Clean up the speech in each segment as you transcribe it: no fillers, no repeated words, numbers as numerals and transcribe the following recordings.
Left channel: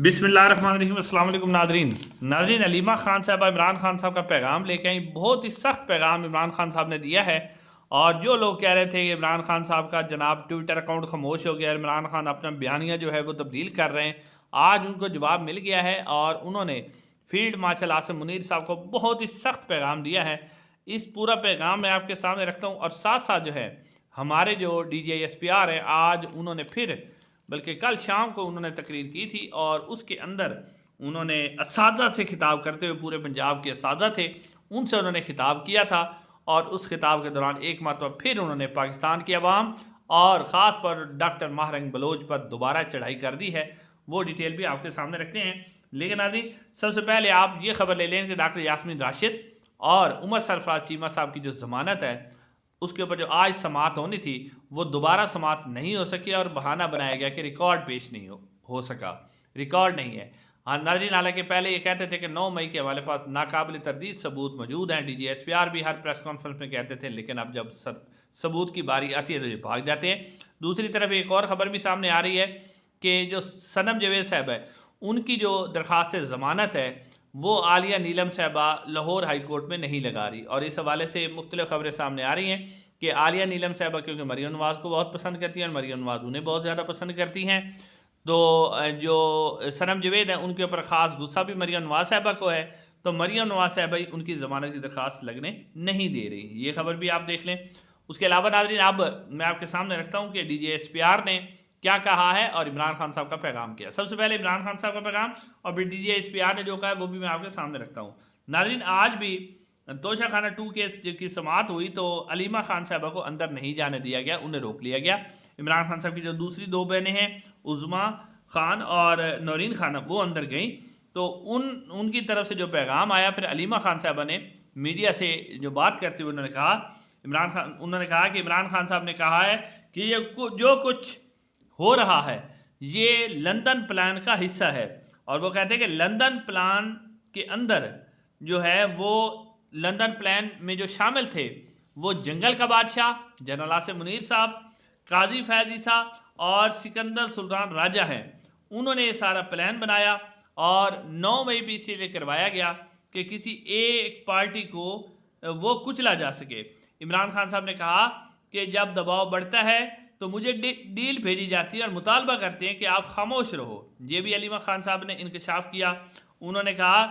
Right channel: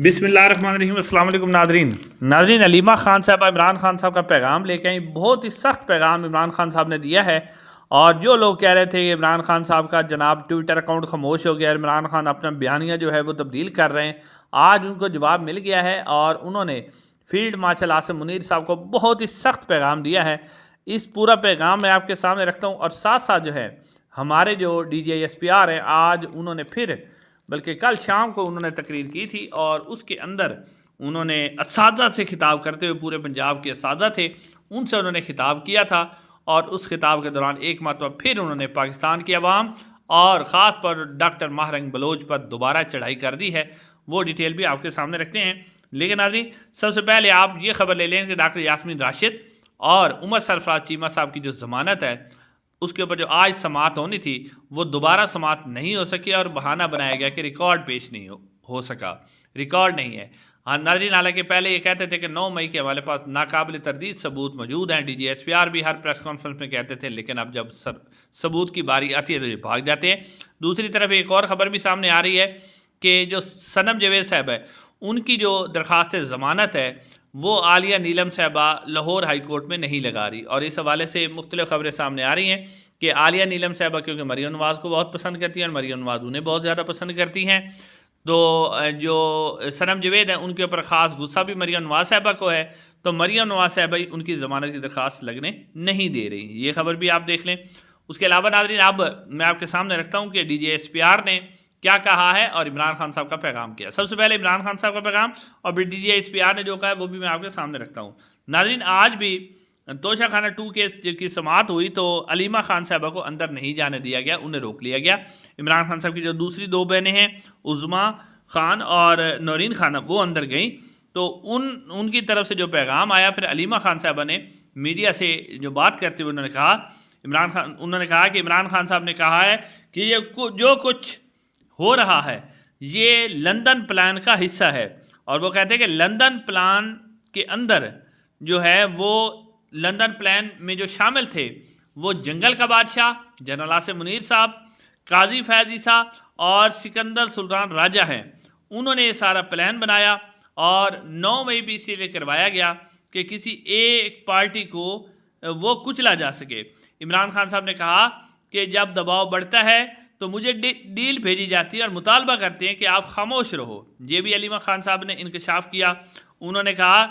बिस्मिल्लाहिर्रहमानिर्रहीम। अस्सलाम वालेकुम नादरीन अलीमा ख़ान साहब इमरान खान साहब का पैगाम लेके आई। बहुत ही सख्त पैगाम इमरान खान साहब ने दिया है। और जो लोग कह रहे थे कि इमरान खान साहब का जनाब ट्विटर अकाउंट खामोश हो गया, इमरान खान अपना बयानिया जो है वो तब्दील कर रहे हैं, आज उनको जवाब मिल गया है और उन्होंने फील्ड मार्शल आसिम मुनीर साहब को बहुत ही सख्त पैगाम दिया है। इस पूरा पैगाम मैं आपके सामने रखता हूँ। और साथ साथ जो है हमारे जो DGSPR हैं, आज उन्होंने फिर बल्कि कल शाम को उन्होंने तकरीर की थी और उसके अंदर उन्होंने असातिज़ा से खिताब करते हुए, पूरे पंजाब के असातिज़ा थे उनसे उन्होंने खिताब किया था। और उस खिताब के दौरान एक मरतबा फिर उन्होंने पाकिस्तान की आवाम और ख़ास पर डॉक्टर महरंग बलोच पर दोबारा चढ़ाई कर दी है। वो डिटेल भी आपके सामने रखते हैं। लेकिन नाज़रीन, सबसे पहले आप ये खबर ले लें कि डॉक्टर यास्मीन राशिद और उमर सरफराज चीमा साहब की जो ज़मानत है उसके ऊपर जो आज समाअत होनी थी वो दोबारा समाअत नहीं हो सकी और बहाना बनाया गया कि रिकॉर्ड पेश नहीं हो सका, रिकॉर्ड नहीं है। हाँ नाज़रीन, हालांकि पहले ये कहते थे कि 9 मई के हमारे पास नाकाबिल तरदीद सबूत मौजूद हैं। DGSPR भी हर प्रेस कॉन्फ्रेंस में कहते थे, लेकिन अब जब सबूत की बारी आती है तो ये भाग जाते हैं। दूसरी तरफ एक और ख़बर भी सामने आ रही है कि जो सनम जवेद साहब है उनकी जो दरख्वास्त ज़मानत है वो आलिया नीलम साहबा लाहौर हाई कोर्ट में नहीं लगा रही। और इस हवाले से मुख्तलिफ़ खबरें सामने आ रही हैं कि आलिया नीलम साहबा क्योंकि मरियम नवाज़ को बहुत पसंद करती हैं और मरियम नवाज़ उन्हें बहुत ज़्यादा पसंद करती हैं, तो जो सनम जवेद हैं उनके ऊपर ख़ास गुस्सा भी मरियम नवाज़ साहबा को है। तो मरियम नवाज़ साहबा ही उनकी ज़मानत की दरख्वास्त लगने नहीं दे रही। ये खबर भी आप देख लें। उसके अलावा नाज़रीन, अब मैं आपके सामने रखता हूँ कि DGSPR ने क्या कहा है और इमरान खान साहब का पैगाम किया। सबसे पहले इमरान खान साहब का पैगाम और फिर DGSPR ने जो कहा है वो भी मैं आपके सामने रखता हूँ। नाज़रीन, आज भी तोशा खाना 2 केस की समाअत हुई तो अलीमा खान साहबा को अंदर नहीं जाने दिया गया, उन्हें रोक लिया गया। इमरान खान साहब की जो दूसरी 2 बहनें हैं उज़मा खान और नौरीन खान, वो अंदर गई। तो उनकी तरफ से जो पैगाम आया, फिर अलीमा खान साहबा ने मीडिया से जो बात करते हुए उन्होंने कहा कि इमरान खान साहब ने कहा है कि ये जो कुछ हो रहा है ये लंदन प्लान का हिस्सा है। और वो कहते हैं कि लंदन प्लान के अंदर जो है वो लंदन प्लान में जो शामिल थे वो जंगल का बादशाह जनरल आसिम मुनीर साहब, काजी फैज़ ईसा और सिकंदर सुल्तान राजा हैं। उन्होंने ये सारा प्लान बनाया और 9 मई भी इसीलिए करवाया गया कि किसी एक पार्टी को वो कुचला जा सके। इमरान खान साहब ने कहा कि जब दबाव बढ़ता है तो मुझे डील भेजी जाती है और मुतालबा करते हैं कि आप खामोश रहो। ये भी अलीमा खान साहब ने इंकशाफ किया। उन्होंने कहा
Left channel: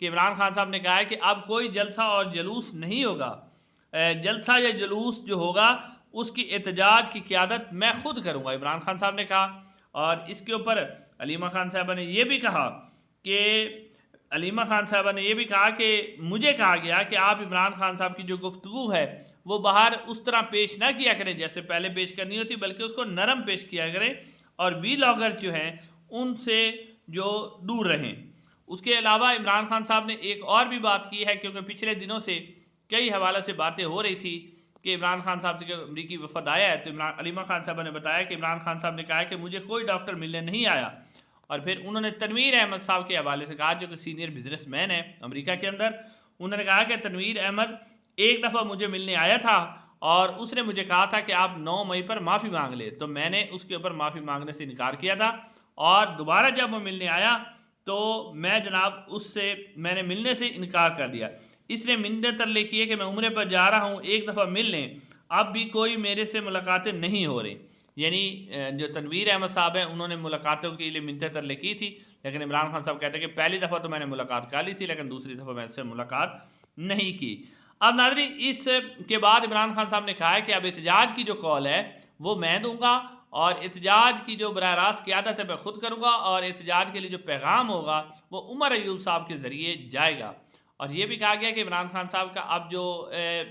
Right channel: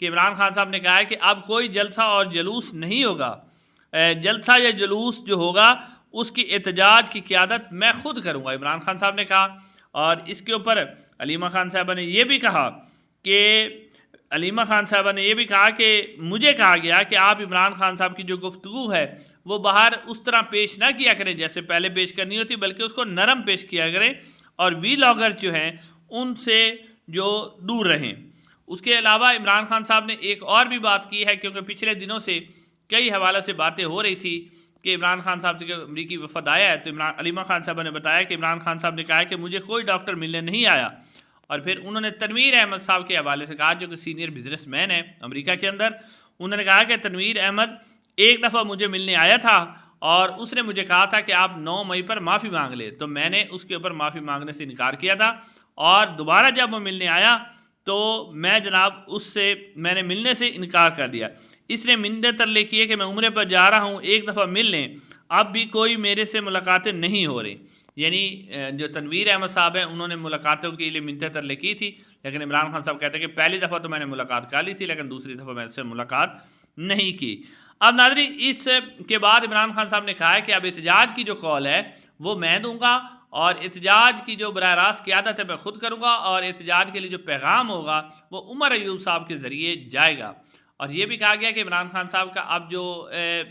कि इमरान खान साहब ने कहा है कि अब कोई जलसा और जुलूस नहीं होगा, जलसा या जुलूस जो होगा उसकी एहतजाज की क़यादत मैं खुद करूँगा, इमरान खान साहब ने कहा। और इसके ऊपर अलीमा खान साहबा ने यह भी कहा कि मुझे कहा गया कि आप इमरान खान साहब की जो गुफ्तगू है वो बाहर उस तरह पेश ना किया करें जैसे पहले पेश करनी होती, बल्कि उसको नरम पेश किया करें और वीलॉगर जो हैं उनसे जो दूर रहें। उसके अलावा इमरान खान साहब ने एक और भी बात की है, क्योंकि पिछले दिनों से कई हवाले से बातें हो रही थी कि इमरान खान साहब से अमरीकी वफद आया है। तो अलीमा खान साहब ने बताया कि इमरान खान साहब ने कहा है कि मुझे कोई डॉक्टर मिलने नहीं आया। और फिर उन्होंने तनवीर अहमद साहब के हवाले से कहा, जो कि सीनियर बिजनेसमैन है अमेरिका के अंदर। उन्होंने कहा कि तनवीर अहमद एक दफ़ा मुझे मिलने आया था और उसने मुझे कहा था कि आप 9 मई पर माफ़ी मांग ले, तो मैंने उसके ऊपर माफ़ी मांगने से इनकार किया था। और दोबारा जब वो मिलने आया तो मैं जनाब मैंने मिलने से इनकार कर दिया। इसने मिन्नत तरले किए कि मैं उम्रे पर जा रहा हूँ, एक दफ़ा मिल लें, अब भी कोई मेरे से मुलाकातें नहीं हो रही। यानी जो तनवीर अहमद साहब हैं उन्होंने मुलाकातों के लिए मिन्नत तरले की थी, लेकिन इमरान खान साहब कहते हैं कि पहली दफ़ा तो मैंने मुलाकात कर ली थी, लेकिन दूसरी दफ़ा मैं उससे मुलाकात नहीं की। अब नाज़रीन, इस के बाद इमरान खान साहब ने कहा है कि अब एहतजाज की जो कॉल है वो मैं दूँगा और एहतजाज की जो बराह रास्त क़यादत है मैं खुद करूँगा और एहतजाज के लिए जो पैगाम होगा वो उमर अयूब साहब के ज़रिए जाएगा। और ये भी कहा गया कि इमरान खान साहब का अब जो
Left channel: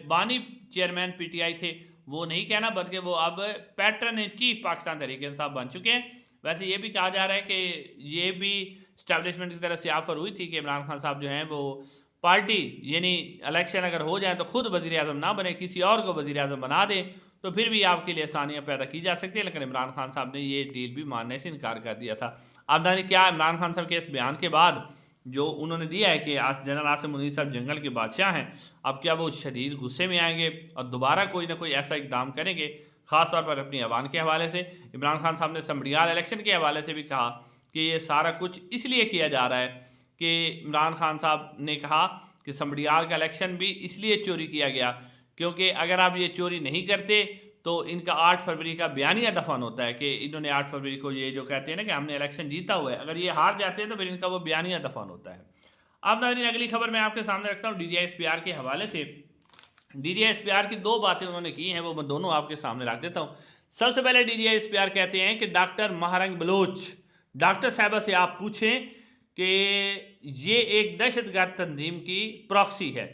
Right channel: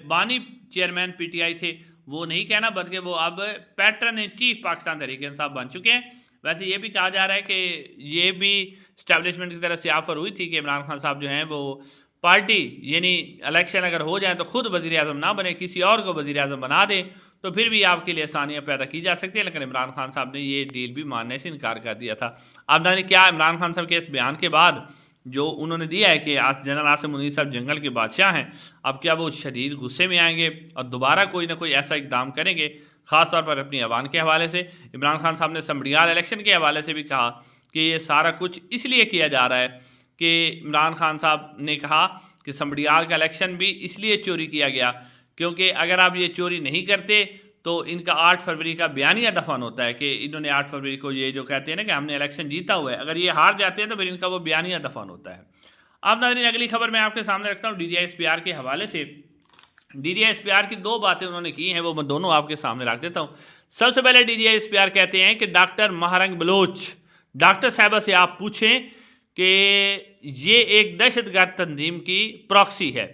बानी चेयरमैन PTI थे वो नहीं कहना, बल्कि वो अब pattern in chief Pakistan Tehreek Insaf बन चुके हैं। वैसे ये भी कहा जा रहा है कि ये भी इस्टेब्लिशमेंट की तरफ से ऑफ़र हुई थी कि इमरान खान साहब जो हैं वो पार्टी यानी इलेक्शन अगर हो जाए तो ख़ुद वज़ीर-ए-आज़म ना बने, किसी और को वज़ीर-ए-आज़म बना दें, तो फिर भी आपके लिए आसानियाँ पैदा की जा सकती है। लेकिन इमरान खान साहब ने ये डील भी मानने से इनकार कर दिया था। अब जाने क्या इमरान खान साहब के इस बयान के बाद जो उन्होंने दिया है कि जनरल आसिम मुनीर साहब जंगल के बादशाह हैं, अब क्या वो शदीद गुस्से में आएंगे और दोबारा कोई ना कोई ऐसा इकदाम करेंगे, ख़ास तौर पर अपनी अवान के हवाले से। इमरान खान साहब ने समड़ियाल इलेक्शन के हवाले से भी कहा कि ये सारा कुछ इसलिए किया जा रहा है कि इमरान खान साहब ने कहा कि समबड़ियाल का इलेक्शन भी इसलिए चोरी किया गया क्योंकि अगर आप ये चोरी नहीं करते तो इनका 8 फरवरी का बयानिया दफन होता है कि इन्होंने 8 फरवरी को ये जो कहते हैं ना कि हमने इलेक्शन जीता हुआ है, अगर ये हार जाते हैं तो फिर इनका वो बयानिया दफन होता है। अब नाज़रीन अगली खबर मैं आपके सामने रखता हूँ DGI-SPR के हवाले से। DGI-SPR की 2 बातें उन्होंने की हैं, वो मैं दोनों आपके सामने रख देता हूँ। सबसे पहले DGI-SPR कहते हैं कि डॉक्टर महारंग बलोच, डॉक्टर साहिबा से आप पूछें कि ये एक दहशतगर्द तंजीम की प्रॉक्सी है।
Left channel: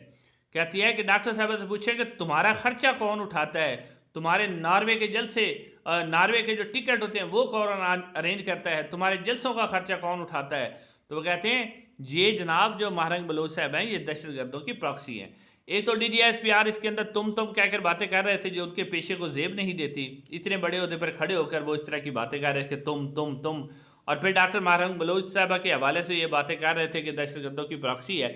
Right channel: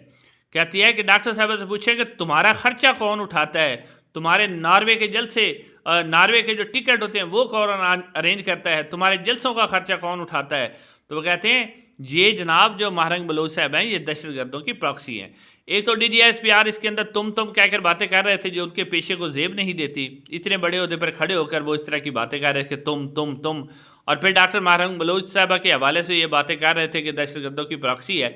कहती है कि डॉक्टर साहब से पूछे कि तुम्हारा खर्चा कौन उठाता है, तुम्हारे नॉर्वे के जलसे, नॉर्वे के जो टिकट होते हैं वो कौन अरेंज करता है, तुम्हारे जलसों का खर्चा कौन उठाता है। तो वो कहते हैं ये जनाब जो महारंग बलोच साहब हैं ये दहशतगर्दों की प्रॉक्सी हैं। एक तो DGI-SPR इसके अंदर तुम कहकर बातें कर रहे थे जो उनके पेशे को जेब नहीं देती, इतने बड़े ओहदे पर खड़े होकर वो इस तरह की बातें कर रहे थे तुम। और फिर डॉक्टर महारंग बलोच साहबा के हवाले से ये बातें कर रहे थे कि दहशतगर्दों की प्रॉक्सी है।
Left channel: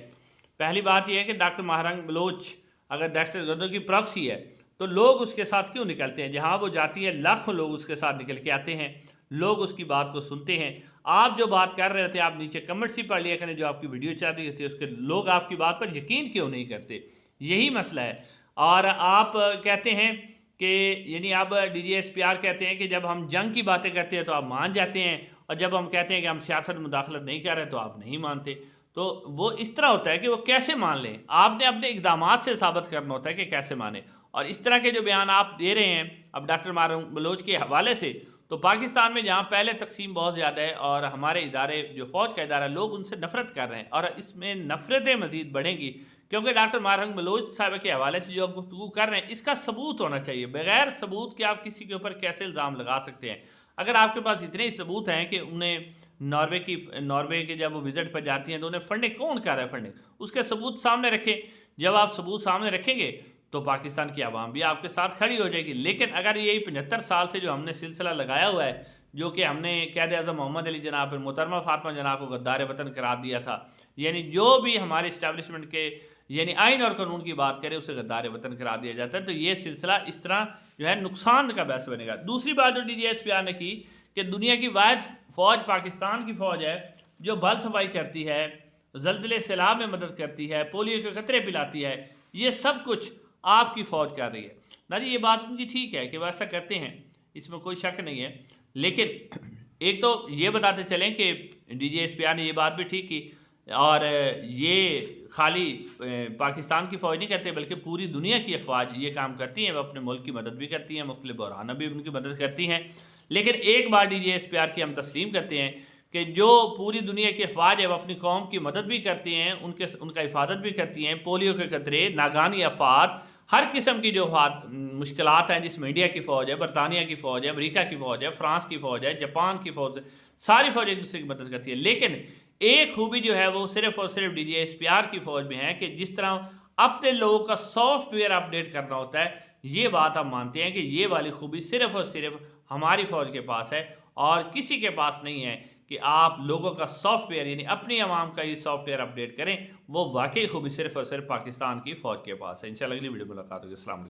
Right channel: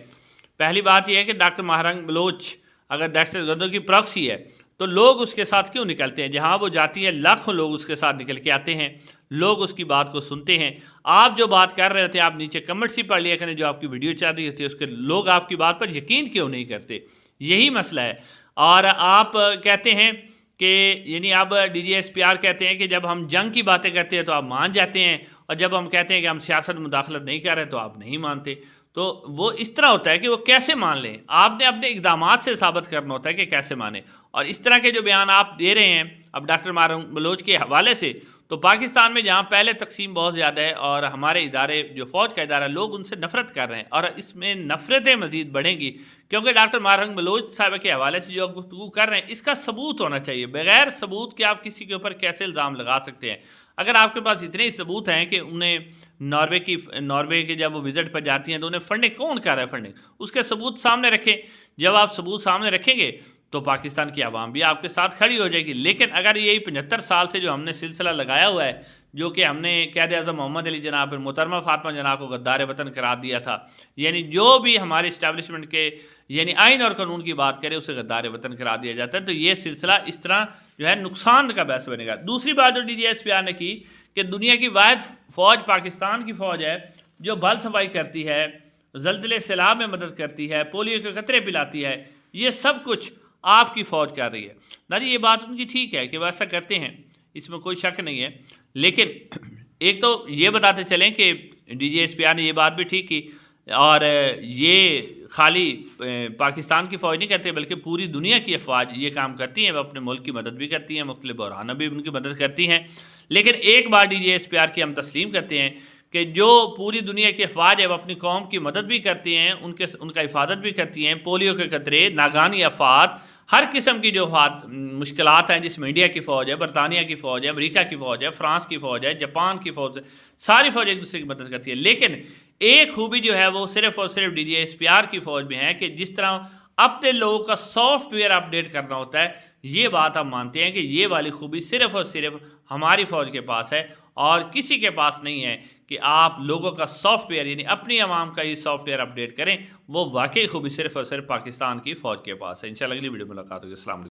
पहली बात यह है कि डॉक्टर महारंग बलोच अगर दहशतगर्दों की प्रॉक्सी है तो लोग उसके साथ क्यों निकलते हैं, जहाँ वो जाती है लाखों लोग उसके साथ निकल के आते हैं, लोग उसकी बात को सुनते हैं। आप जो बात कर रहे होते हैं आप नीचे कमेंट्स ही पढ़ लिया करें, जो आपकी वीडियो चल रही होती है उसके लोग आपकी बात पर यकीन क्यों नहीं करते, यही मसला है। और आप कहते हैं कि यानी अब DGI-SPR कहते हैं कि जब हम जंग की बातें करते हैं तो आप मान जाते हैं, और जब हम कहते हैं कि हम सियासत में मुदाखलत नहीं कर रहे तो आप नहीं मानते। तो वो इस तरह होता है कि वो कैसे मान लें, आपने अपने इक़दामात से साबित करना होता है कि कैसे माने। और इस तरह के जो बयान आप दे रहे हैं अब डॉक्टर महारंग बलोच के हवाले से, तो पाकिस्तान में जहाँ पहले तकसीम बहुत ज़्यादा है और हमारे इदारे जो फ़ौज का इदारा लोग उनसे नफ़रत कर रहे हैं और इसमें नफ़रतें मज़ीद बढ़ेंगी क्योंकि डॉक्टर महारंग बलोच साहब के हवाले से जो आप गुफ्तगू कर रहे हैं इसका सबूत होना चाहिए। बगैर सबूत के आप किसी के ऊपर कैसे इल्ज़ाम लगा सकते हैं। अगर आपके पास इतने ही सबूत हैं कि उन्हें नॉर्वे के जब वो विज़िट पर जाती हैं तो उन्हें फंडिंग कौन कर रहा है, फंडिंग उसके सबूत सामने रखें। जब आप सबूत सामने रखेंगे तो पाकिस्तान की आवाम भी आपके साथ खड़ी हो जाएगी। लेकिन अगर यही 75 साल से जो हमने सिलसिला लगाया हुआ है, जो कि हमने क़ायद आज़म मोहम्मद अली जनाब और मोहतरमा फ़ातिमा जनाब को गद्दार वतन करार दिया था, यानी जो भी हमारे इस्टेब्लिशमेंट के यानी आइन और कानून की बात करें उसे गद्दार वतन करार दिया जाता है, तो ये सिलसिला इस तरह जो है नुकसान का बायस बनेगा। दूसरी बात जो DGI-SPR ने की कि दुनिया की वाहिद फ़ौज पाकिस्तान की फ़ौज है जो बल सफाई करती है, ज़लज़ले सैलाब में मदद करती है, पोलियो के कतरे पिलाती है, ये सब कुछ आपकी फ़ौज कर रही है ना जी। ये बात उनकी ठीक है कि वह ऐसा करते हैं, इसमें कोई शक नहीं है। लेकिन एक तो ये बताते चलें कि DGI-SPR ने ये बात भी ठीक की और ये खाली पाकिस्तान की फ़ौज नहीं करते बल्कि पूरी दुनिया की अफवाज ये काम करती हैं, वह अपने मुल्क की मदद भी करती हैं, मुख्तलिफ बहरान भी उनकी मदद करती हैं। लेकिन एक बार DGI-SPR की हम तस्लीम करते हैं कि जो पूरी दुनिया की अफवाज है वो अपनी कौम की मदद भी करती हैं, उनका हिफाजत भी करती हैं। पोलियो के खतरे, नागानी आफात, हर किस्म की जो मुश्किलात हैं जिसमें इंडिया की फ़ौज है, बरतानिया की फ़ौज है, अमेरिका की फ़ौज है, फ्रांस की फ़ौज है, जापान की फ़ौज है, सारी फ़ौज एक दूसरे की मदद करती है। लेकिन एक खूबी जो है वो सिर्फ़ और सिर्फ DGI-SPR की फ़ौज में है कि जिस तरह अपने लोगों का सॉफ्टवेयर अपडेट करना होता है, ये बात हम मानते हैं कि ये वाली खूबी सिर्फ़ और सिर्फ हमारी फ़ौज के पास है और किसी के पास नहीं है कि आप लोगों का सॉफ्टवेयर यानी अपनी आवाम का ये सॉफ्टवेयर अपडेट करें। वो वाकई खूबी सिर्फ़ और सिर्फ पाकिस्तान की फ़ौज के पास है। इंशाल्लाह अगली वीडियो में मुलाकात होगी। अस्सलाम वालेकुम।